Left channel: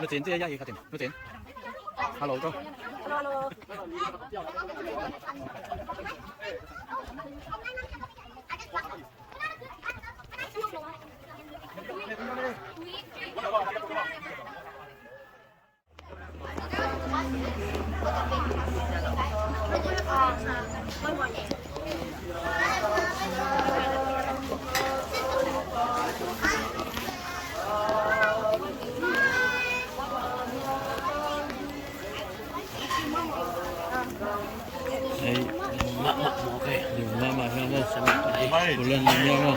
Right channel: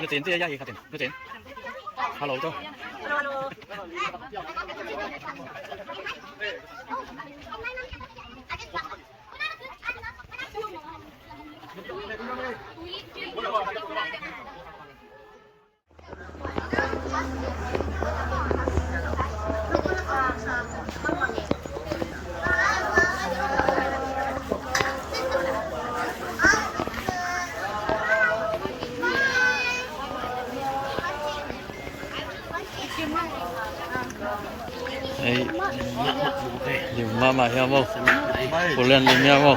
Nó chín chứ vậy cả tiền, nó chín. Alo thôi. Alo. Đấy, điểm mà heo không? Cô lên điểm heo không?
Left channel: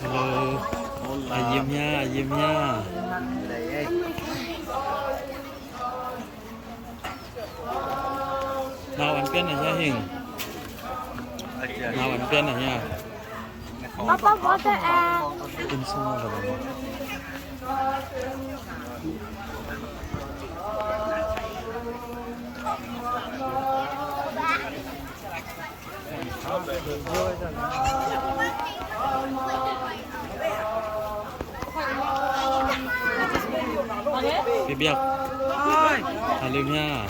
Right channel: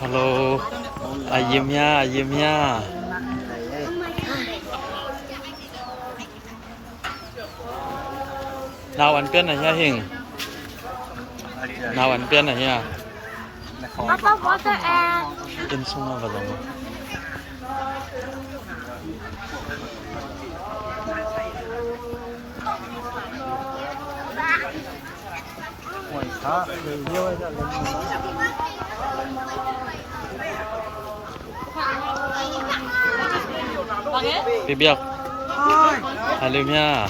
Hello, ayam nha. Nào ăn bên này nha Hình. Nào ăn bên này nha. Bên sung vào rồi. Cái biếc. Halim nha.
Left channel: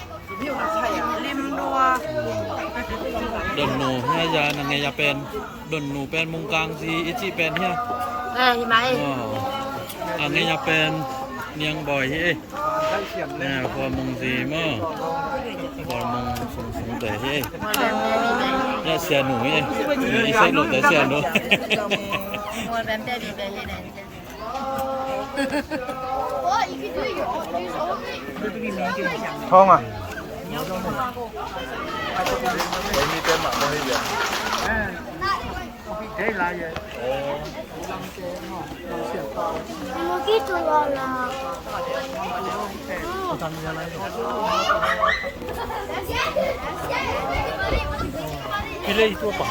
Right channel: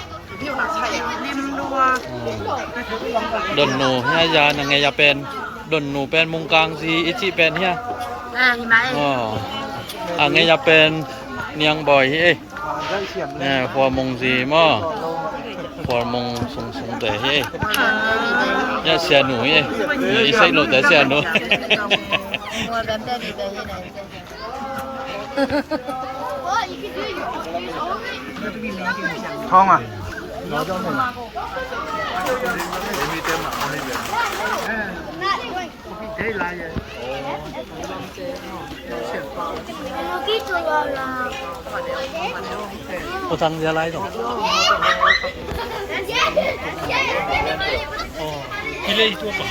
Đồn nụ ha giờ là ngày giờ pen đồn nụ pen mông cang gì ít chị pen ha ngày giờ pen niang bòi hi nè phò mông gì mà phò mông sung sung tệ hi nhá xe nụ hi ít xây lộ tới xe nụ không à có thằng gì lại rồi cái đây tua quả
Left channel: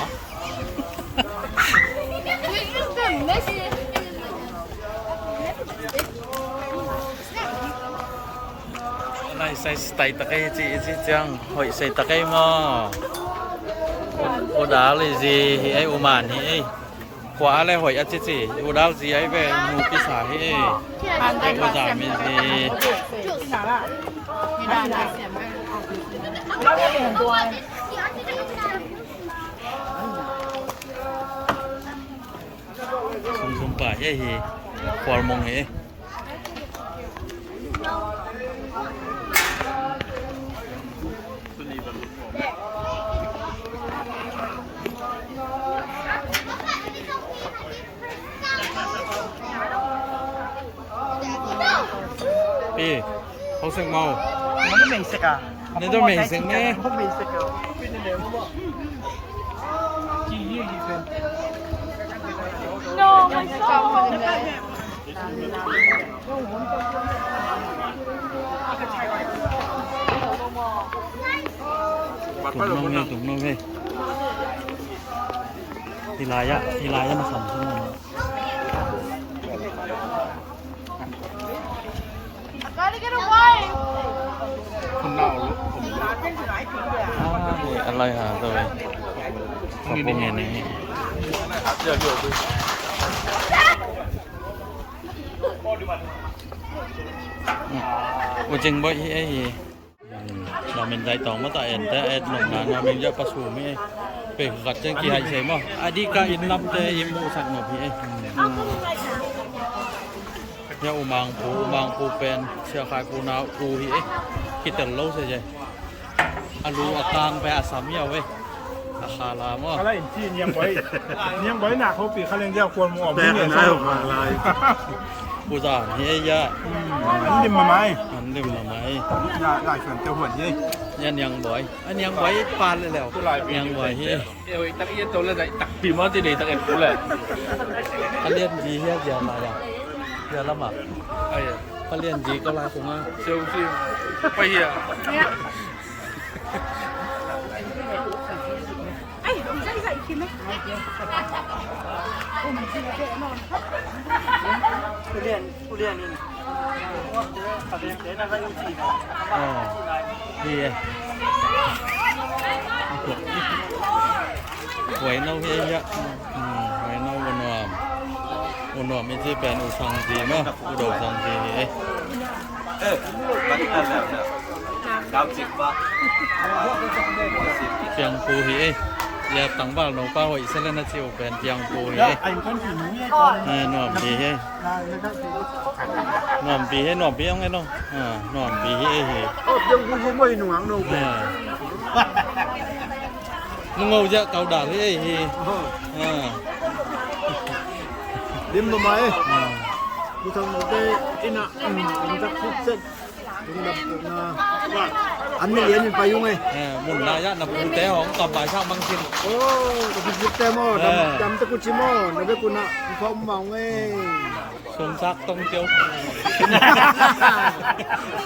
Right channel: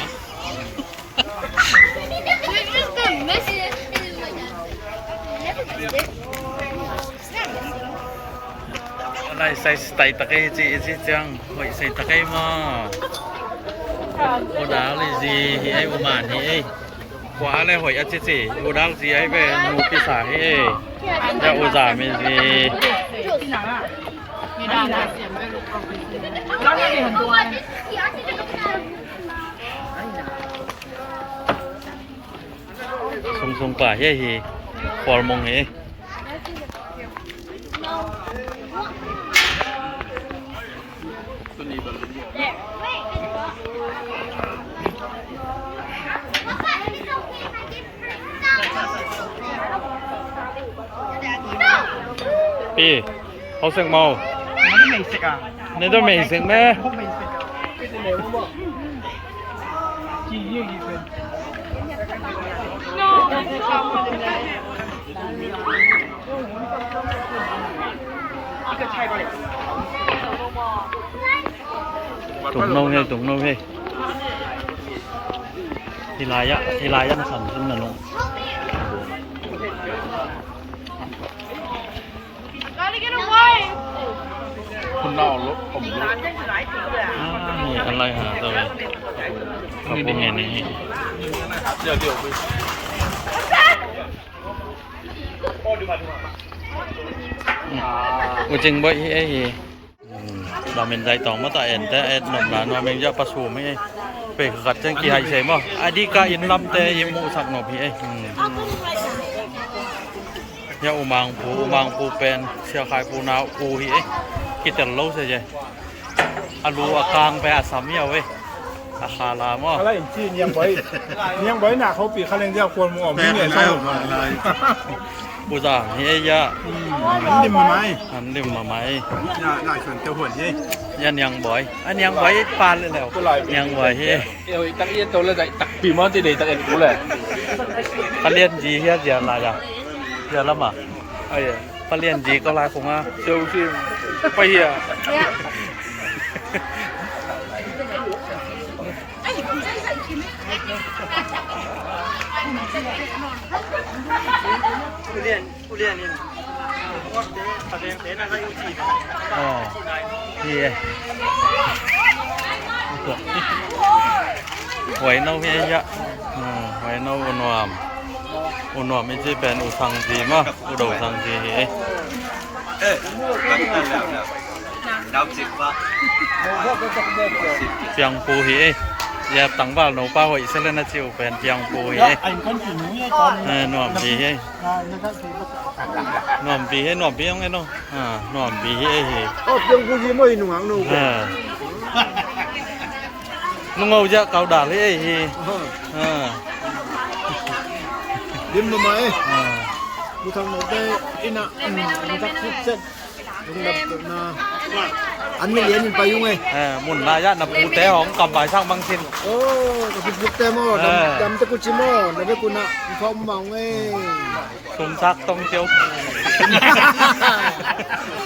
này xây tay tắc cái gì chăng hội xây tắc cái mà ô đá là gì thì ai ô màn thì ai quả là hội ăn gì ô đá gì ấy về nụ pizza xả thì ai ô giả mình gì không không quả vậy thì quả mông ấyพี่เขาเสียงเมานี่ต้องมีเสียงแม่ Tụng nâu hê Hilaya nó phần thêm là nóคนนอกรถผม นี่อะไรหาตัวขอบคุณเนี่ยนี่ เดี๋ยวดูอุจริงบ่ไอ้เราเป็นใจตองมาแต่เอ็นแต่เอ็นหนุ่มหลานว่าเป็นยาประสูไม่ไปขัดจังกี่ไฮเซมอ่ะอดีกาอินลำแต่ยิมูสักหน่อพี่ไอ้ยาอุมังปูเป็นเชียคายปูนาวปูฮีไอ้คิดแต่เราเสียใจอารูอากางไปอาสามเยาเว้ยอาคาลามอ่ะ อะไรจีนยังไว้หนักเขาปีเขาเล่นเจ้าควรมึงออกไม่เหนื่อยสนุกอะไร ปูจ่าเฮียยะ อันดิมมาไหม อันดื่มมาไหม หลายส่วนเจ้าหุ่นยี่ ยันยังบ่อยอันยังบ่อยปานเลยแล้วยังบ่อยเฮ้ย ตักเอียนตัวเลยตักปีมอนตีเลยตักเอ็นกูเลย เขาเรียนจีเฮียเดียนอะไรอ่ะเดียนละมั้งเขาเรียนจีก็ลายคงอ่ะ เซลฟี่ไปเหี้ย อ๋อดีไงหวยเน่าเฮียยะหวยเน่าอุนวมไม่ใช่เป็นอุสังจีมั้งอุดมสังจีเอ้เจียงปูเฮ้ยอย่าตั้งบ้านหนูป้าหอยเสร็จแล้วนะจิ๋วเป็นเจียงปูเฮ้ย ไอ้คนผีหนูไอ้ตอน นวมปีเฮ้ยนวมปีให้นวมปียังไงเนาะนวมปีเฮ้ย ก็ยังกูยิ้มไม่หนุ่งหนู นุ่งเอาจะเกาด่าเลยเฮ้ย ดิมมาไหมกูทำหมดได้อินะมึงจักทุกเส้นมึงดับตัวนาอันนี้เรียนไปยุ่งไง หมุนนายะนับปูแต่ของกับบ่ายช่างบางสิน โอ้กับพี่เต้โม่ดำตะกุชิโม่ในเรื่องกูนะพร้อมเมาไง สมศักดิ์ต้องเจียว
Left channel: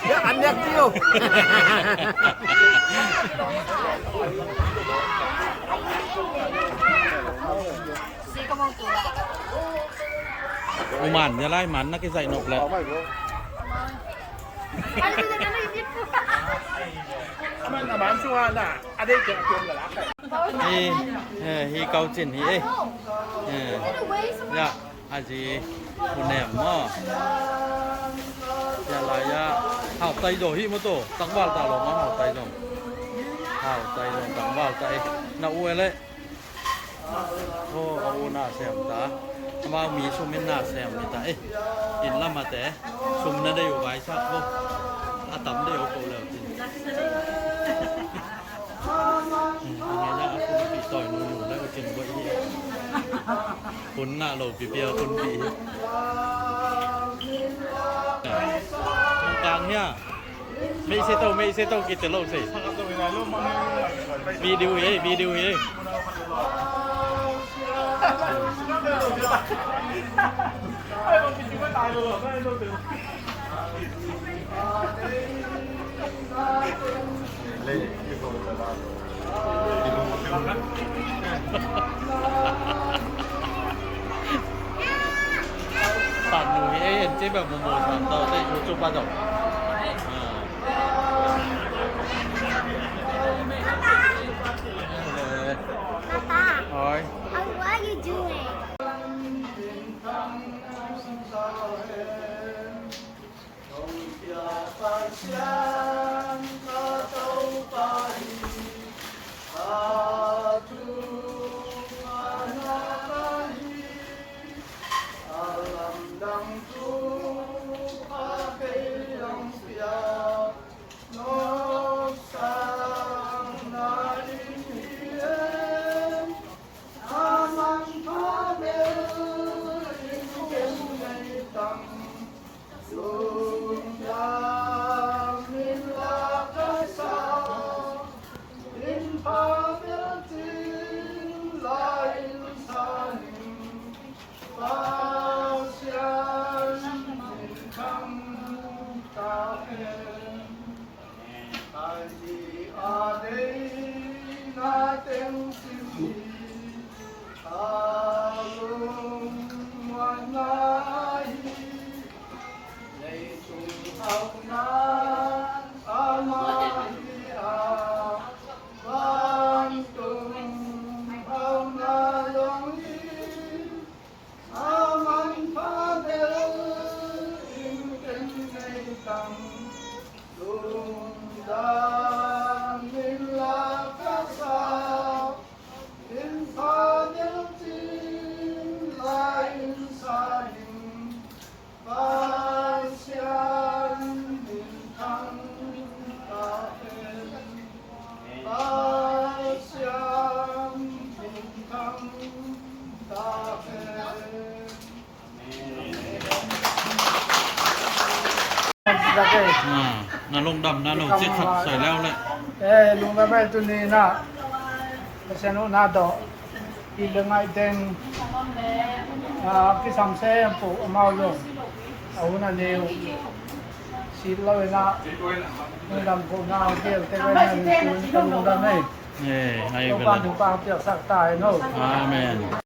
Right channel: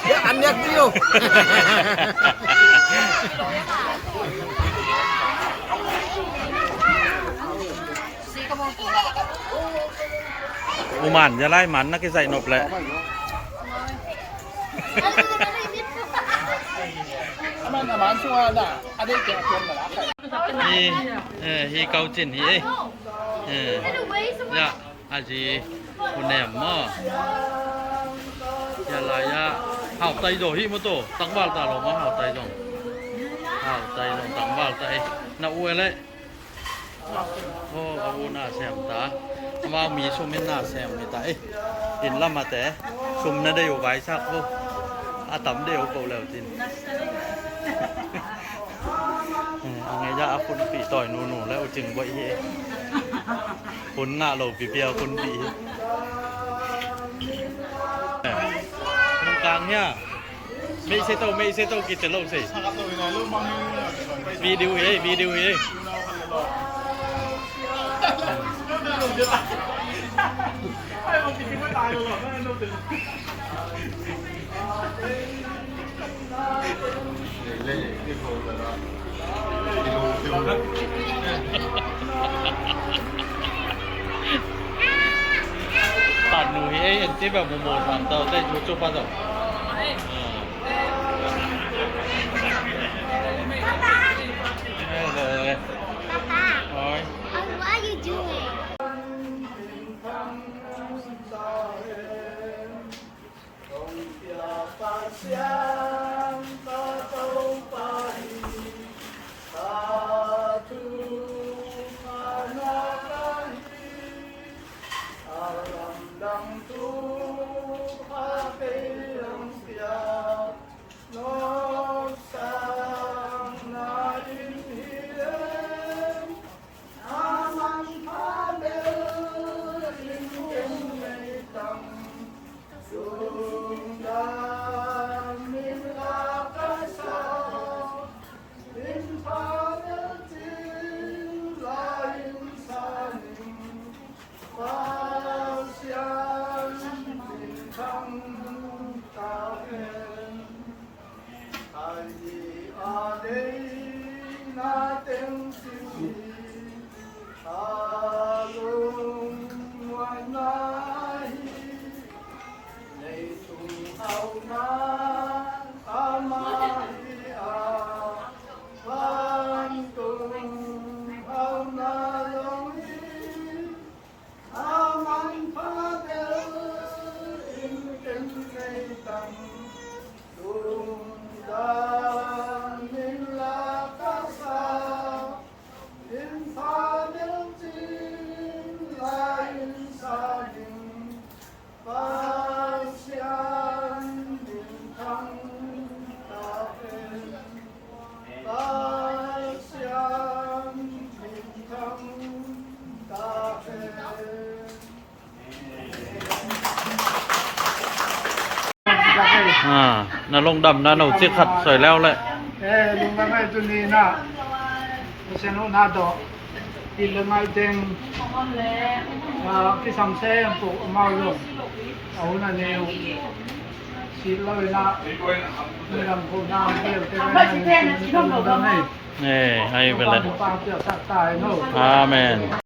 เดี๋ยวอันเนี้ยเดียว อุมานจะไล่มันนักใส่นบแหละมันช่วยน่ะอันนี้จะชวนเหรอ ฮีเกาจินฮียะอาจีอุเนมมอยาลายะหาวไตโดฮีมโตตั้งวาลตาลงมาหาวไตลงตั้งวาลไตน่าอวยเลยโอ้อาวุน่าแซมตามามีชุมมิน่าแซมมีตาอินละมาแต่ชุมนั่นได้อยู่ไว้ชักบ่อาตำเดียวเปล่าแล้วจินยังไงจะคุณปีต่อยหนูแล้วจึงไว้เฮคุณหน้าโหลปีเปียวคุณปีตรงกลางเนี่ยไม่ใช่โต้กินแต่เล่าสิวีดิวเฮ้ยตัดหนูเอ็นเจ๊แบบโมทำต่อได้ชุบปลาสองเลยโอ้ย What are you doing? น่าลงดำน่าหนูจิขัดสวยแล้วเลย Lunga ba ito ni na. Kasi no na do. Ilungay din kisang sempo umaulong. Auna niyo sila na nilang po na ang kaya kaya na yung tinutulungan na eh. ให้ไปเลย Paano pa ang tiyak tayo no? อาเมน